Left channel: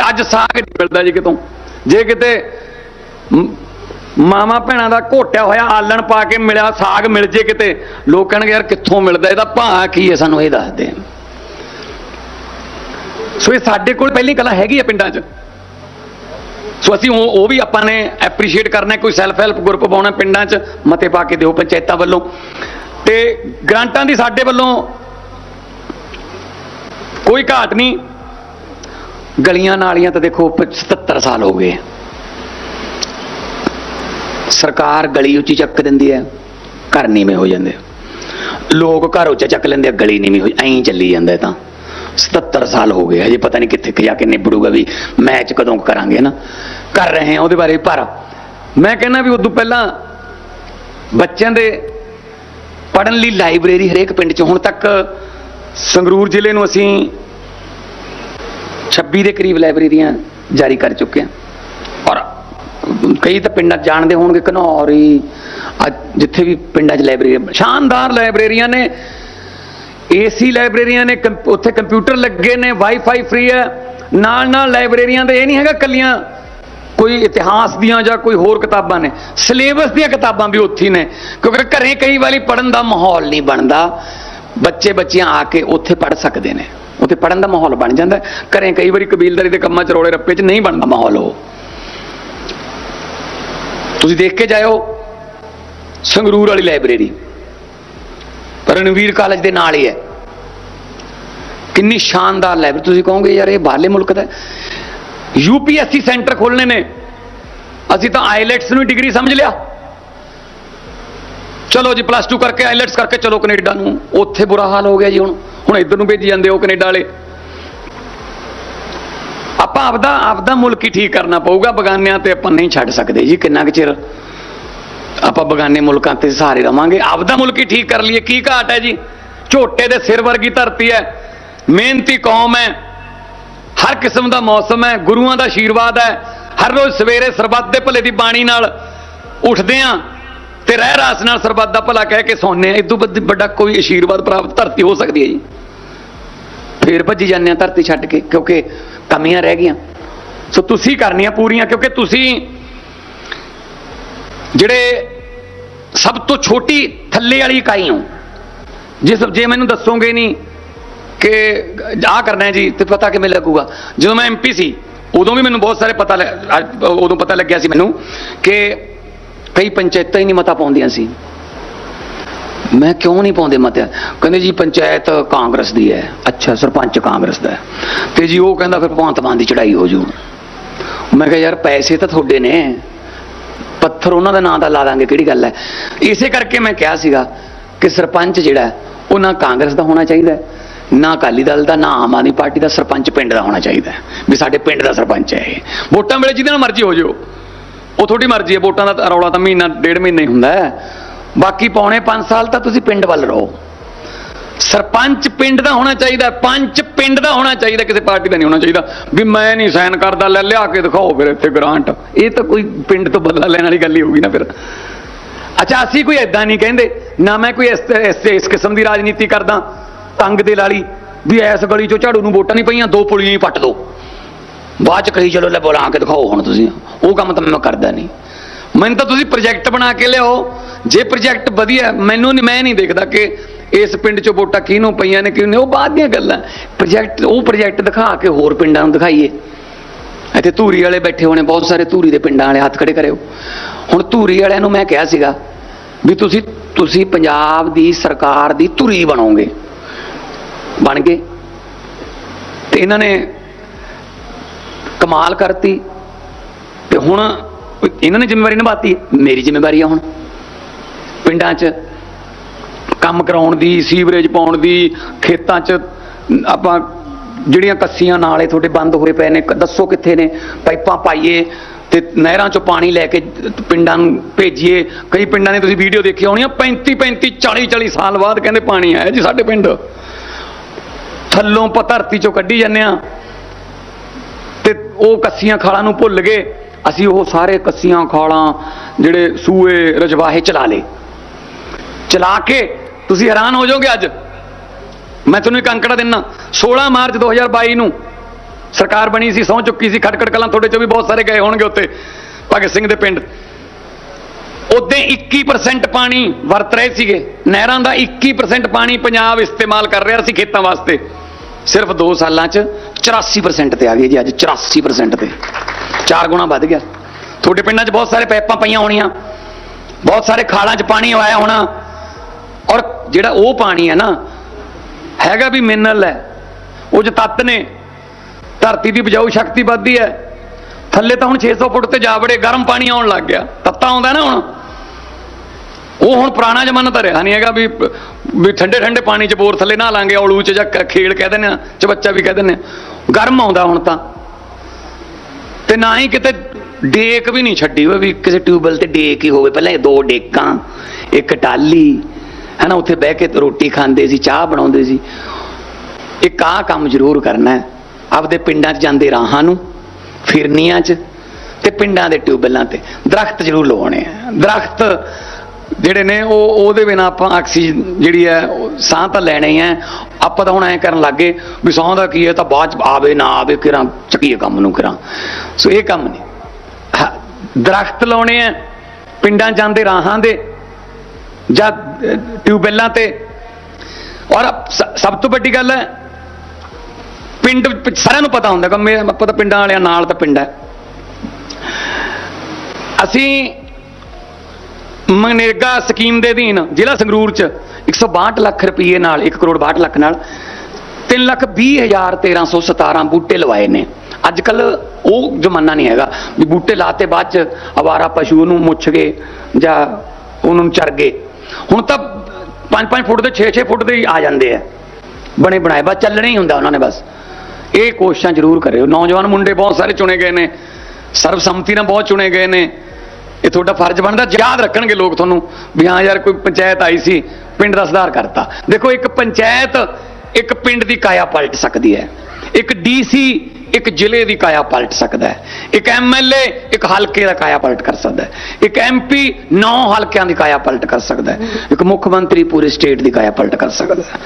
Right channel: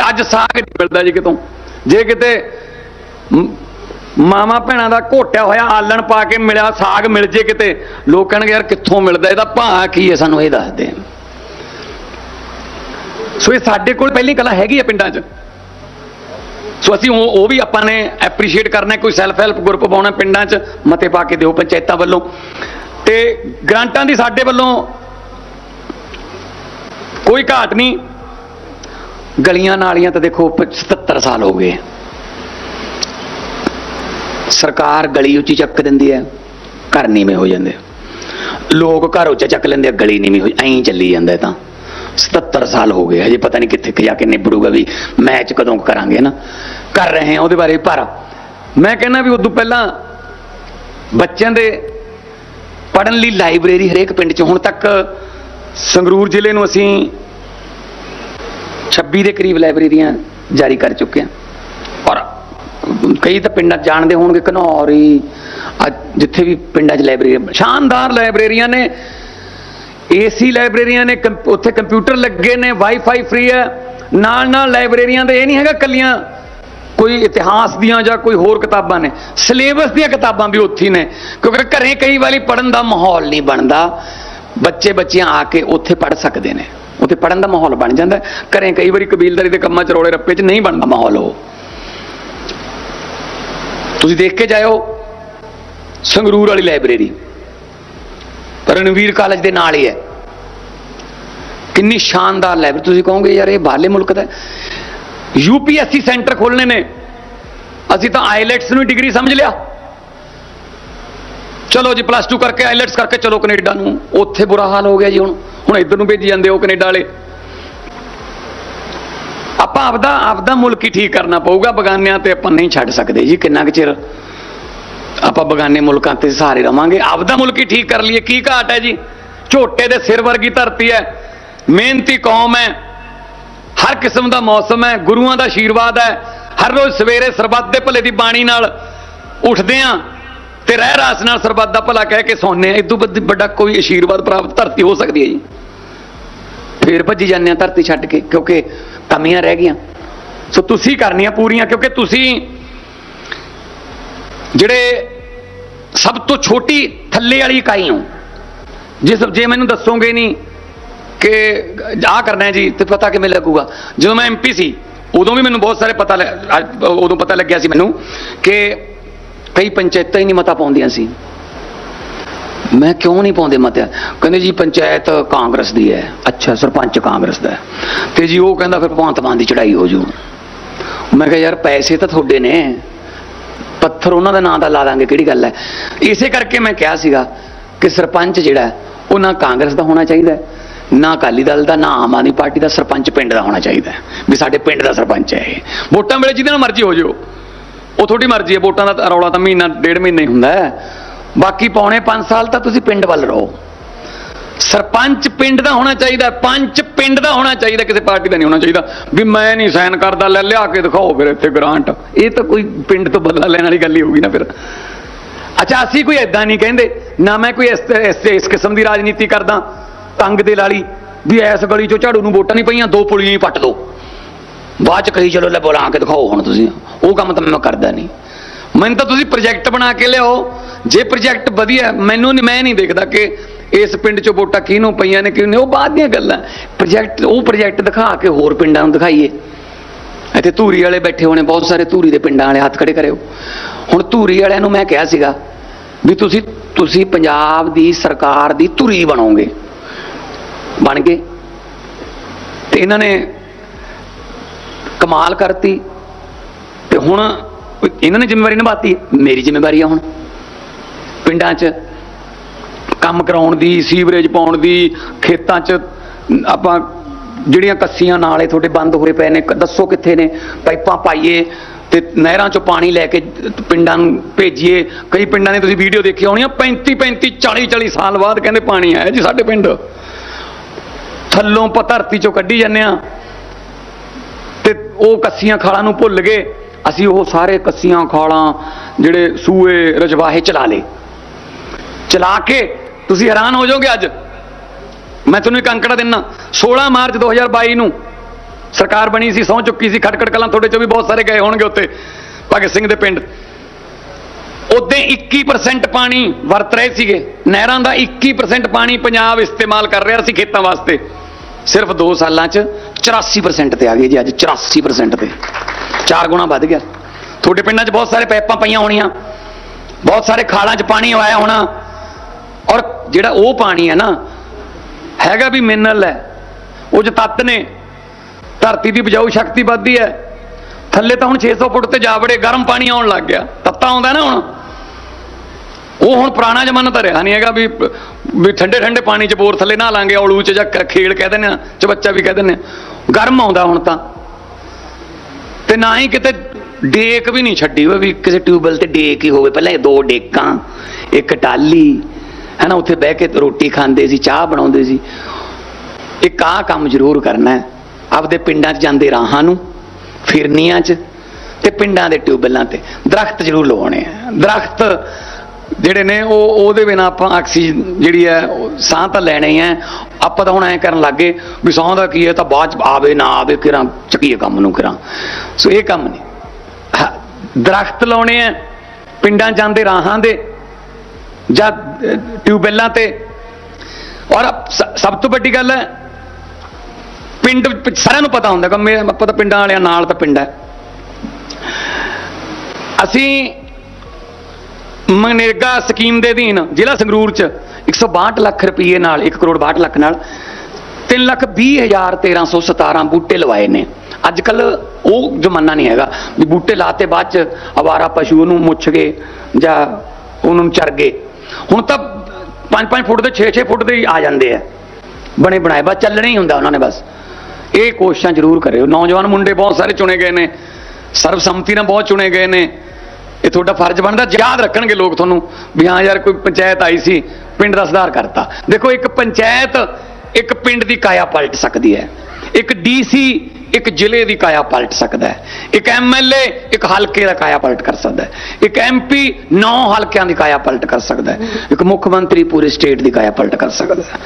ਅੱਜ ਸਾਗ ਮਿਲਦਾ ਜੀ ਕਿਤੋਂ। ਜੇ ਕਿਤੇ ਮ- ਮਾਮਾ ਭੈਣਾਂ ਦਾ ਘੋਟਿਆ ਹੋਇਆ ਆਲਣ ਪਾ ਕੇ ਮਿਲਿਆ ਸਾਗ ਮਿਲ ਜੇ ਕਿਤੇ, ਲੋਕਾਂ ਕਹਿਣਗੇ ਯਾਰ ਕਿੱਥੋਂ ਮਿਲਦਾ, ਇਹਦਾ ਭਾਅ ਕੀ ਹੈ ਸਾਨੂੰ ਇਹ ਦੱਸ ਸੋ ਇਹ ਸਾਡੇ ਕੋਲ ਪਹਿਲੀ ਕਲਾ ਹੈਗੀ ਆ ਪਿੰਡਾਂ 'ਚ। ਸੋ ਅਸੀਂ ਉਹ ਉਹ ਵੀ ਆਪਾਂ ਨੇ ਐਪਰੀਸ਼ੀਏਟ ਕਰਨਾ, ਕੋਈ ਸੈਲਫ ਹੈਲਪ ਗਰੁੱਪ ਪਾਉਣਾ ਪਿੰਡਾਂ 'ਚ, ਮਤੇ ਪਾ ਕੇ ਦਿਓ ਪੰਚਾਇਤਾਂ ਵੱਲੋਂ। ਤੇ ਗ੍ਰਾਂਟਾਂ ਦੀ ਸਾਡੇ ਵੱਲੋਂ ਕੋਈ ਘਾਟ ਨਹੀਂ ਗਲੀਆਂ ਨਾਲੀਆਂ ਤਾਂ ਦੇਖੋ 77 ਸਾਲ ਹੋ ਗਏ। ਸਰਕਾਰ ਗਲੀ ਉੱਚੀ ਚੱਕ ਦਿੰਦੀ ਹੈ, ਘਰ ਨੀਵੇਂ ਹੋ ਜਾਂਦੇ ਲੋਕ ਘਰ ਉੱਚਾ ਚੱਕ ਲੈਂਦੇ ਆ, ਗਲੀ ਨੀਵੇਂ ਹੋ ਐਂ ਚੱਲੀ ਜਾਂਦਾ ਤਾਂ। 77 ਸਾਲ ਹੋ ਗਏ ਹਜੇ ਪਤਾ ਨਹੀਂ ਕਿੱਥੇ ਕੁ ਜਾ ਕੇ ਨਿਬੜੂਗਾ ਵੀ ਮੈਚ ਕਦੋਂ ਕਰਾਂਗੇ ਨਾ ਕਰ ਰਹੇ ਹਾਂ ਉਹਦੇ ਬਾਰੇ ਪਰ ਮੈਂ ਕਹਿੰਦਾ ਵੀ ਉਦੋਂ ਪਹਿਲਾਂ ਬੱਚਿਆਂ ਦੇ ਪੜਨ ਲਈ ਲਾਇਬ੍ਰੇਰੀ ਹਰੇਕ ਪਿੰਡ 'ਚ, ਹੁਣ ਤੱਕ ਸੰਗਰੂਰ ਜ਼ਿਲ੍ਹੇ ਨੂੰ ਅਸੀਂ 26 ਦੇ ਕਰੀਬ ਲਾਇਬ੍ਰੇਰੀਆਂ ਜਾਰੀ ਕਰ ਚੁੱਕੇ ਹਾਂ ਔਰ ਕਈ ਤਾਂ ਪਿੰਡਾਂ 'ਚ ਜਾਣਦੇ ਹੋਣਗੇ ਘਨੌਰੀ ਅੱਜ ਜਿੱਥੇ ਵੀ ਪਿੰਡਾਂ 'ਚ ਲਾਇਬ੍ਰੇਰੀ ਸ਼ਾਨਦਾਰ ਲਾਇਬ੍ਰੇਰੀਆਂ ਨੇ ਏਸੀ ਲਾਇਬ੍ਰੇਰੀਆਂ ਨੇ, ਕੰਪ- ਉੱਥੇ ਕੰਪਿਊਟਰ ਲੱਗੇ ਨੇ ਵਾਈਫਾਈ ਫ੍ਰੀ ਹੈ। ਨਾਲ ਨਾਲ ਲਾਇਬ੍ਰੇਰੀਆਂ ਦੇ ਇਹ ਨਹੀਂ ਹੈਗਾ ਕੱਲੀਆਂ ਕੋਈ ਇਤਿਹਾਸ ਦੀਆਂ ਜਾਂ ਕੋਈ ਹੋਰ ਕਿਤਾਬਾਂ ਨੇ ਸਿਲੇਬਸ ਦੀਆਂ ਕਿਤਾਬਾਂ ਵੀ ਉੱਥੇ ਨੇ। ਕਿਉਂਕਿ ਘਰੇ ਕਈ ਵਾਰੀ ਪੜਨ ਦਾ ਮਾਹੌਲ ਨਹੀਂ ਬਣਦਾ। ਬੱਚੇ ਬੱਚੀਆਂ ਆ ਕੇ ਉੱਥੇ ਪੜ ਸਕਦੇ ਨੇ। ਉੱਥੇ ਪੜਨ ਦਾ ਮਾਹੌਲ ਬਣ ਜਾਂਦਾ ਹੈ। ਘਰੇ ਕਈ ਵਾਰੀ ਕਬੀਲਦਾਰੀ ਦੇ ਕੰਮਾਂ 'ਚ ਰੋਲੇ ਰੱਪੇ 'ਚ ਨਹੀਂ ਬਣਦਾ ਮਾਹੌਲ ਉਹ। ਤੁਸੀਂ ਦੇਖ ਕੇ ਜਾਇਓ, ਸੰਗਰੂਰ ਵਾਲੀ ਲਾਇਬ੍ਰੇਰੀ। ਰਣਵੀਰ ਕਾਲਜ ਦੇ ਨਾਲ ਹੀ ਹੈ। ਕਿੰਨੀ ਸ਼ਾਨਦਾਰ ਲਾਇਬ੍ਰੇਰੀ। ਤੁਸੀਂ ਕਹੋਗੇ, ਯਾਰ, ਇਹ ਬਾਹਰਲੇ ਮੁਲਕ ਦਾ ਯੂਪੀਐਸਸੀ ਸੈਂਟਰ ਖੋਲਣੇ ਨੇ। ਅਸੀਂ ਤਾਂ ਆਈਲੈਟਸ ਨੂੰ ਡਿਗਰੀ ਸਮਝ ਲਿਆ। ਚਲੋ ਜੀ ਪਲੱਸ 2 ਕਰਕੇ ਆਈਲੈਟਸ ਕਰਕੇ ਚਲੋ ਕੈਨੇਡਾ ਨੂੰ। ਉੱਥੇ ਬੁਰਾ ਹਾਲ ਹੋ ਗਿਆ ਜੀ ਹੁਣ। ਹੁਣ ਇੱਧਰ ਨੂੰ ਭੇਜੀ ਜਾਂਦੇ ਹੋ ਕੈਨੇਡਾ ਵਾਲੇ। ਆਪਾਂ ਆਪਦਾ ਆਪਦਾ ਮੁਲਕ ਹੀ ਠੀਕ ਕਰਨਾ ਪਊਗਾ, ਬਗਾਨਿਆਂ ਤੇ ਆਪਾਂ ਨਹੀਂ ਛੱਡ ਸਕਦੇ ਜੀ, ਕਿੰਨਾ ਕੁ ਚਿਰ ਆਪਾਂ ਬਗਾਨੇ ਮੁਲਕਾਂ ਤੇ ਸਹਾਰੇ ਰਵਾਂਗੇ। ਆਪਦਾ ਮੁਲਕ ਹੀ ਠੀਕ ਕਰ ਲਈਏ, ਕੀ ਘਾਟ ਹੈ ਜੀ? ਝੋਟੇ ਦੇ ਸਿਰ ਵਰਗੀ ਧਰਤੀ ਹੈ। ਮਿਹਨਤੀ ਕੌਮ ਹੈ। ਹਰ ਕਿਸਮ ਦਾ ਮੌਸਮ ਹੈ, ਗੁਰੂਆਂ ਦਾ ਆਸ਼ੀਰਵਾਦ ਹੈ। ਹਰ ਰੋਜ਼ ਸਵੇਰੇ ਸਰਬੱਤ ਦੇ ਭਲੇ ਦੀ ਬਾਣੀ ਨਾਲ ਉੱਠਦੇ ਆਂ ਤੇ ਰਹਿ ਰਾਸ ਨਾਲ ਸਰਬੱਤ ਦਾ ਭਲਾ ਕਹਿ ਕੇ ਸੌਂਦੇ ਇਦੋਂ ਵੱਡਾ ਕੋਈ ਆਸ਼ੀਰਵਾਦ ਪ੍ਰਾਪਤ ਧਰਤੀ ਹੋ ਸਕਦੀ ਹੈ। ਫੇਰ ਭੱਜੀ ਜਾਂਦੇ ਆ ਧਰਤੀ ਛੱਡ ਕੇ, ਕਿਉਂਕਿ ਕਮੀਆਂ ਰਹਿ ਗਈਆਂ। ਸੋ ਤੁਸੀਂ ਕਰਨੀਆਂ ਪੂਰੀਆਂ, ਕਿਉਂਕਿ ਤੁਸੀਂ ਜਿਹੜੇ ਸਭ ਤੋਂ ਛੋਟੀ ਥੱਲੇ ਵਾਲੀ ਇਕਾਈ ਹੋ। ਜਿਸ ਜੇ ਮੈਨੂੰ ਦੱਸੋਗੇ ਨਹੀਂ ਕਿ ਆ ਕਰਨਾ ਜੀ, ਤੇ ਪਤਾ ਕਿਵੇਂ ਲੱਗੂਗਾ। ਜਦੋਂ ਮੈਂ ਐਮਪੀ ਸੀ, ਉਦੋਂ ਵੀ ਮੈਨੂੰ ਬਹੁਤ ਸਾਰੇ ਪਤਾ ਲੱਗ- ਉਦੋਂ ਪਤਾ ਲੱਗਿਆ ਸੀ ਮੈਨੂੰ ਕਿ ਕਈ ਪੰਚਾਇਤਾਂ ਹੀ ਨਹੀਂ ਮਤਾ ਪਾਉਂਦੀਆਂ ਸੀ। ਮੈਂ ਕਿਉਂ ਨਹੀਂ ਪਾਉਂਦੇ ਮਤ? ਕਹਿੰਦੇ ਜੀ ਪੰਚਾਇਤ ਕਾਂਗਰਸ ਦੀ ਹੈ। ਅੱਛਾ, ਸਰਪੰਚ ਕਾਂਗਰਸ ਦਾ ਤੇ ਜੀ ਉਹ ਕਹਿੰਦਾ ਫਿਰ ਭਗਵੰਤ ਮਾਨ ਦੀ ਚੜਾਈ ਹੋ ਜੂ। ਮੈਂ ਕਿਹਾ ਯਾਰ ਪੈਸੇ ਤਾਂ ਤੁਹਾਡੇ ਨੇ। ਪੱਥਰ ਉਹਨਾਂ ਦਾ ਨਾਂ ਦਾ ਲਾ ਦਾਂਗੇ, ਕਿਹੜੀ ਗੱਲ ਹੈ? ਇਸੇ ਕਰਕੇ ਮੈਂ ਕਿਹਾ ਸੀਗਾ ਕਿ ਸਰਪੰਚ ਜਿਹੜਾ ਉਹ ਨਾ ਕਾਂਗਰਸ ਦਾ ਹੋਣਾ ਚਾਹੀਦਾ ਨਾ ਅਕਾਲੀ ਦਲ ਦਾ, ਨਾ ਆਮ ਆਦਮੀ ਪਾਰਟੀ ਦਾ, ਸਰਪੰਚ ਪਿੰਡ ਦਾ ਹੋਣਾ ਚਾਹੀਦਾ ਵੀ ਸਾਡੇ ਪਿੰਡ ਦਾ ਸਰਪੰਚ ਹੈ ਇਹ। ਵੋਟਾਂ ਵੇਲੇ ਜਿਹਦੇ ਨਾਲ ਮਰਜ਼ੀ ਹੋ ਜਾਓ। ਉਹ ਤੁਹਾਡੀ ਮਰਜ਼ੀ ਹੈ, ਵੋਟਾਂ ਦਾ ਰੌਲਾ ਤਾਂ ਮਹੀਨਾ, ਡੇਢ ਮਹੀਨੇ। ਹੀ। ਹੁੰਦਾ ਬਾਕੀ ਪੌਣੇ 5 ਸਾਲ ਤਾਂ ਤੁਸੀਂ ਪਿੰਡ ਵੱਲ ਰਹੋ। ਸਰਪੰਚ ਪਿੰਡ ਦਾ ਹੋਣਾ ਚਾਹੀਦਾ, ਪੰਚ ਪਿੰਡ ਦਾ ਹੋਣਾ ਚਾਹੀਦਾ, ਕਿਸੇ ਪਾਰਟੀ ਦਾ ਨਹੀਂ ਹੋਣਾ ਚਾਹੀਦਾ। ਵੀ ਮੈਂ ਨਹੀਂ ਸਾਈਨ ਕਰਦਾ, ਲੈ ਲਿਆ ਕੇ ਦਿਖਾਓ ਫਿਰ ਇੱਥੇ ਗ੍ਰਾਂਟ। ਇਹ ਤਾਂ ਕੋਈ ਪਿੰਡ ਤੋਂ ਬਦਲਾ ਲੈਣ ਵਾਲੀ ਗੱਲ ਹੀ ਹੋਊਗੀ ਨਾ ਫਿਰ। ਅੱਛਾ, ਅਸੀਂ ਕੋਈ ਐਦਾਂ ਨਹੀਂ ਕਹਿੰਦੇ। ਨਾ ਮੈਂ ਕੋਈ ਇਸ ਇਸ ਕਿਸਮ ਦੀ ਰਾਜਨੀਤੀ ਕਰਦਾ, ਤੰਗ ਦੇ ਲਾਲੀ ਵੀ ਐਸ ਗਲੀ ਚੋਂ ਝਾੜੂ ਨੂੰ ਵੋਟਾਂ ਨਹੀਂ ਪਈਆਂ, ਦੋ ਪੁਲੀਆਂ ਹੀ ਪੱਟ ਦੋ। ਬਾਅਦ ਚ ਕਹੀ, ਚਲੋ ਲੈ ਬੁਲਾ ਕੇ ਦਿਖਾਓ ਹੁਣ ਤੁਸੀਂ। ਉਹ ਕੰਮ ਤਾਂ ਮੈਂ ਕਰਦਾ ਨਹੀਂ। ਮੈਨੂੰ ਤਾਂ ਤੁਸੀਂ ਪ੍ਰੋਜੈਕਟ ਬਣਾ ਕੇ ਲਿਆਓ। ਜੇ ਪ੍ਰੋਜੈਕਟ ਵਧੀਆ, ਮੈਨੂੰ ਨਹੀਂ ਮੈਂ ਨਹੀਂ ਦੇਖਦਾ ਕਿ ਇਸ ਪਿੰਡ 'ਚ ਵੋਟਾਂ ਕਿਹਨੂੰ ਪਈਆਂ ਨੇ ਕਿਉਂ ਨਹੀਂ। ਉਹ ਬਾਅਦ ਦੀਆਂ ਗੱਲਾਂ। ਪ੍ਰੋਜੈਕਟ ਉਹ ਪ੍ਰੋਜੈਕਟ ਦਿਖਾ ਕੇ ਹੋਰ ਪਿੰਡਾਂ ਨੂੰ ਦਿਖਾਈਏ। ਇੱਥੇ ਧੂਰੀ ਵਾਲੇ ਬੈਠੇ ਹੋਣੇ, ਬਹੁਤ ਸਾਰੇ ਧੂਰੀ ਦੇ ਪਿੰਡਾਂ ਵਾਲੇ, ਹੱਥ ਖੜੇ ਕਰਿਓ। ਹੁਣ ਧੂਰੀ ਵਾਲਿਆਂ ਨੂੰ ਮੈਂ ਕਿਹਾ ਸੀਗਾ ਵੀ ਤੁਸੀਂ ਤੁਸੀਂ ਪੰਜਾਬ ਦੀ ਸਰਕਾਰ ਦੀ ਧੂਰੀ ਬਣੋਗੇ। ਬਣ ਗਏ। ਤੇ ਇਹਨਾਂ ਨੇ ਕਮਾਲ ਕਰਤੀ। ਤੇ ਹੁਣ ਇਹਨਾਂ ਨੇ ਜ਼ਿੰਮੇਵਾਰੀ ਨਿਭਾਤੀ। ਮੇਰੀ ਜ਼ਿੰਮੇਵਾਰੀ ਆ ਹੁਣ। ਪਿੰਡਾਂ 'ਚ ਕੰਮ ਕਰਾਉਣ ਦੀ, ਸੀਵਰੇਜ ਪਾਉਣ ਦੀ, ਖੇਤਾਂ 'ਚ ਆਪਾਂ ਜਿਹੜੀਆਂ ਕੱਸੀਆਂ ਨਾਲੇ ਤੁਹਾਡੇ ਬੰਦ ਹੋਏ ਪਏ ਨੇ ਦੱਸੋ ਕਿੱਥੇ ਨੇ? ਪਾਈਪਾਂ ਪਾਈਏ ਤੇ ਨਹਿਰਾਂ 'ਚੋਂ ਪਾਣੀ ਲੈ ਕੇ ਪਿੰਡਾਂ ਨੂੰ ਭੇਜੀਏ। ਕਈ ਪਿੰਡਾਂ ਨੇ ਤੁਸੀਂ ਵੀਡੀਓ ਦੇਖੀ ਹੋਣੀ ਆ 35 35 40 40 ਸਾਲ ਬਾਅਦ ਕਹਿੰਦੇ ਪਾਣੀ ਆਇਆ ਜੀ ਸਾਡੇ ਪਿੰਡ। ਥੱਲੋਂ ਪ ਧਰਤੀ 'ਚੋਂ ਕੱਢੀ ਜਾਂਦੇ ਆ। ਉਹ ਕੱਸੀਆਂ ਖਾਲਾਂ ਨੂੰ ਭੁੱਲ ਗਏ। ਅਸੀਂ ਉਹ ਸਾਰੇ ਕੱਸੀਆਂ ਖਾਲਾਂ ਜਿਹੜੇ ਸੂਏ ਰਜਵਾਹੇ ਚਲਾ ਲਏ। ਚਲਾ ਕੇ ਤੁਸੀਂ ਹੈਰਾਨ ਹੋ ਜਾਓਗੇ ਅੱਜ। ਮੈਂ ਤੁਹਾਨੂੰ ਇੱਕ ਅੰਕੜਾ ਦਿੰਨਾ। 16 ਮਾਰਚ 2022 ਨੂੰ ਸਰਕਾਰ ਬਣੀ ਸੀ, ਸਹੁੰ ਚੁੱਕੀ ਸੀ। ਖਟਕੜ ਕਲਾਂ ਤੁਹਾਡੇ ਚੋਂ ਵੀ ਬਹੁਤ ਸਾਰੇ ਗਏ ਹੋਣਗੇ ਉੱਤੇ, ਭਗਤ ਸਿੰਘ ਦੇ ਪਿੰਡ। ਉਹਦੇ 21% ਪਾਣੀ ਵਰਤ ਰਹੇ ਸੀਗੇ। ਨਹਿਰਾਂ ਦਾ 21% ਪਾਣੀ ਪੰਜਾਬ ਇਸਤੇਮਾਲ ਕਰ ਰਿਹਾ ਸੀ ਖੇਤਾਂ ਵਾਸਤੇ। ਸਿਰਫ 2 ਸਾਲਾਂ 'ਚ 84% ਤੇ ਆ ਗਈ ਜੀ, ਅੱਜ 84% ਤੇ ਚਾਰ ਗੁਣਾ ਵੱਧ ਗਿਆ। ਤੁਹਾਡੇ ਪਿੰਡਾਂ 'ਚ ਬਹੁਤ ਸਾਰੇ ਪੈਪਾਂ ਪਈਆਂ ਹੋਣੀਆਂ। ਬਹੁਤ ਸਾਰੇ ਖਾਲਾਂ 'ਚ ਪਾਣੀ ਆਇਆ ਹੋਣਾ। ਔਰ ਜਿਹੜਾ ਉਹ ਪਾਣੀ ਹੈ ਨਾ, ਹੈਗਾ ਵੀ ਮਿਨਰਲ ਹੈ। ਉਹ 'ਚ ਤੱਤ ਨੇ। ਧਰਤੀ ਦੀ ਬਜਾਊ ਸ਼ਕਤੀ ਵੱਧਦੀ ਹੈ। ਥੱਲੇ ਤਾਂ ਹੁਣ 600 ਫੁੱਟ ਤੇ ਜਾ ਵੜੇ, ਗਰਮ ਪਾਣੀ ਆਉਣ ਲੱਗ ਗਿਆ। ਤੱਤਾ ਆਉਂਦਾ ਨਾ ਹੁਣ। ਉਹ ਹੁਣ ਪੁਰਾਣਾ ਜ਼ਮਾਨਾ ਤਾਂ ਰਿਹਾ ਨਹੀਂ ਹੈਗਾ ਵੀ ਵੀ ਠੰਡੇ ਠੰਡੇ ਪਾਣੀ 'ਚ ਬੋਰ ਥੱਲੇ ਨਾ ਲਾਂਗੇ, ਔਲੂ 'ਚ ਜਾਂ ਖ- ਖੇਲ ਕਹਿ ਦਿੰਦੇ ਆ ਚਬੱਚਾ ਵੀ ਕਹਿ ਦਿੰਦੇ ਆ ਗਰਮ ਆਉਂਦਾ ਹੁਣ ਤਾਂ। ਤੇ ਨਾ ਹੀ ਕਿਤੇ ਡੇਕ ਵੀ ਨਹੀਂ ਛੱਡੀ ਹੋਈ ਵੀ ਕਿਸੇ ਟਿਊਬਵੈਲ ਤੇ ਡੇਕ ਹੀ ਹੋਵੇ। ਪਹਿਲਾਂ ਦੋ ਡੇਕਾਂ, ਇੱਕ ਟਾਲੀ ਹਨਾ, ਉੱਥੇ ਬਹਿ ਕੇ ਰੋਟੀ ਖਾਂਦੇ ਸੀ, ਚਾਹ ਬਣਾਉਂਦੇ ਸੀ। ਇੱਕ ਆਹ ਕੰਮ ਜ਼ਰੂਰ ਕਰਨਾ, ਆਪਦੇ ਪਿੰਡਾਂ 'ਚ ਜਾਂਦੇ ਰਾਹਾਂ ਨੂੰ, ਫਿਰਨੀਆਂ 'ਚ, ਤੇ ਪਿੰਡਾਂ ਦੇ ਟਿਊਬਵੈਲਾਂ ਤੇ। ਦਰਖਤ ਜ਼ਰੂਰ ਲਾਉਣੇ ਆ। ਦਰਖਤ ਜਿਹੜੇ ਨੇ ਉਹ ਉਹਦੇ ਬਿਨਾ ਆਪਾਂ ਆਕਸੀਜਨ ਜਿਹੜੀ ਹੈ ਉਹ ਸਾਹ ਤਾਂ ਲੈਣੀ ਹੈ ਆਪਾਂ ਤਾਂ ਹੁਣ ਐਂ ਕਰਨ ਲੱਗੇ ਵੀ ਸਾਹ ਦਾ ਕੀ ਹੈ ਤਾਂ ਬਾਅਦ ਚ ਆਵੇ ਨਾ ਆਵੇ ਕਰਾਂ ਚੱਕੀਏ ਕੰਮ ਨੂੰ ਕਰਾਂ ਸੋ ਇਹ ਕੰਮ ਨਹੀਂ ਦਰਖਤ ਲਾਉਣੇ ਆ ਪਿੰਡਾਂ ਜਾਂਦੇ ਰਾਹਾਂ ਦੇ ਜਾਂ ਅਹ, ਟਿਊਬਵੈਲਾਂ ਤੇ। ਔਰ ਸ- ਸਭ ਤੋਂ ਵੱਡੀ ਗੱਲ ਹੈ ਪਿੰਡ ਸਾਰਿਆਂ ਨੂੰ ਪਤਾ ਹੁੰਦਾ ਕਿ ਮੈਂ ਆਪਾਂ ਤਾਂ ਪਿੰਡਾਂ ਵਾਲਿਆਂ ਨਾਲ ਤਾਂ ਪਿੰਡ ਹੈ। ਅਸੀਂ ਮਨਰੇਗਾ ਸਕੀਮ ਦੇ ਅਧੀਨ ਜ਼ਿਲ੍ਹਾ ਸੰਗਰੂਰ ਚ 162 ਲੱਖ ਰੁਪਏ ਨਾਲ 1 ਕਰੋੜ 62 ਲੱਖ ਨਾਲ 3 ਲੱਖ 20 ਹਜ਼ਾਰ 1317 ਬੂਟੇ ਲਵਾਏ ਨੇ। ਅੱਜ ਕੱਲ ਉਹ ਜ਼ਮਾਨਾ ਨਹੀਂ ਹੈਗਾ ਵੀ ਬੂਟੇ ਲਾਤੇ ਬਾਅਦ ਚ ਅਵਾਰਾ ਪਸ਼ੂ ਨੂੰ ਮੁੱਛ ਗਏ ਜਾਂ ਉਹਨੂੰ ਚਰ ਗਏ। ਹੁਣ ਤਾਂ 5-5 ਫੁੱਟ ਦੇ 6-6 ਫੁੱਟ ਦੇ ਹੀ ਆ ਜਾਂਦੇ ਆ। ਬਣੇ ਬਣਾਏ, ਬਸ ਚੱਲਣਾ ਹੀ ਹੁੰਦਾ ਉਹਨਾਂ ਨੇ ਬਸ। ਇਹ ਕੋਸ਼ਿਸ਼ਾਂ ਜ਼ਰੂਰ ਕਰਿਓ। ਨੌਜਵਾਨ ਮੁੰਡੇ ਬਹੁਤ ਸਾਰੇ ਚੁਣੇ ਗਏ ਨੇ। ਸਰਬਸੰਮਤੀ ਨਾਲ ਬਹੁਤ ਚੁਣੇ ਗਏ ਨੇ। ਇਹ ਤੁਹਾਡਾ ਫਰਜ਼ ਬਣਦਾ ਯਾਦ ਰੱਖਣਗੇ ਲੋਕ ਤੁਹਾਨੂੰ ਵੀ ਹਾਂ ਯਾਰ ਕੋਈ ਪੰਚਾਇਤ ਆਈ ਸੀ, ਪਿੰਡ ਦਾ ਸੁਧਾਰ ਕਰਤਾ। ਦੇਖੋ, ਇੱਕ ਪੰਚਾਇਤ ਇੱਕ ਪਿੰਡ ਦੀ ਕਾਇਆ ਪਲਟ ਸਕਦੀ ਹੈ। ਇੱਕ ਡੀਸੀ ਇੱਕ ਜ਼ਿਲ੍ਹੇ ਦੀ ਕਾਇਆ ਪਲਟ ਸਕਦਾ ਹੈ। ਇੱਕ ਐਮਐਲਏ ਇੱਕ ਹਲਕੇ ਦਾ ਕਾਇਆ ਪਲਟ ਕਰ ਸਕਦਾ ਹੈ। ਇੱਕ ਐਮਪੀ ਨੌ ਹਲਕਿਆਂ ਦੀ ਕਾਇਆ ਪਲਟ ਕਰ ਸਕਦਾ ਹੈ। ਇੱਕ ਮੁੱਖ ਮੰਤਰੀ ਪੂਰੇ ਸਟੇਟ ਦੀ ਕਾਇਆ ਪਲਟ ਕਰ ਸਕਦਾ ਹੈ।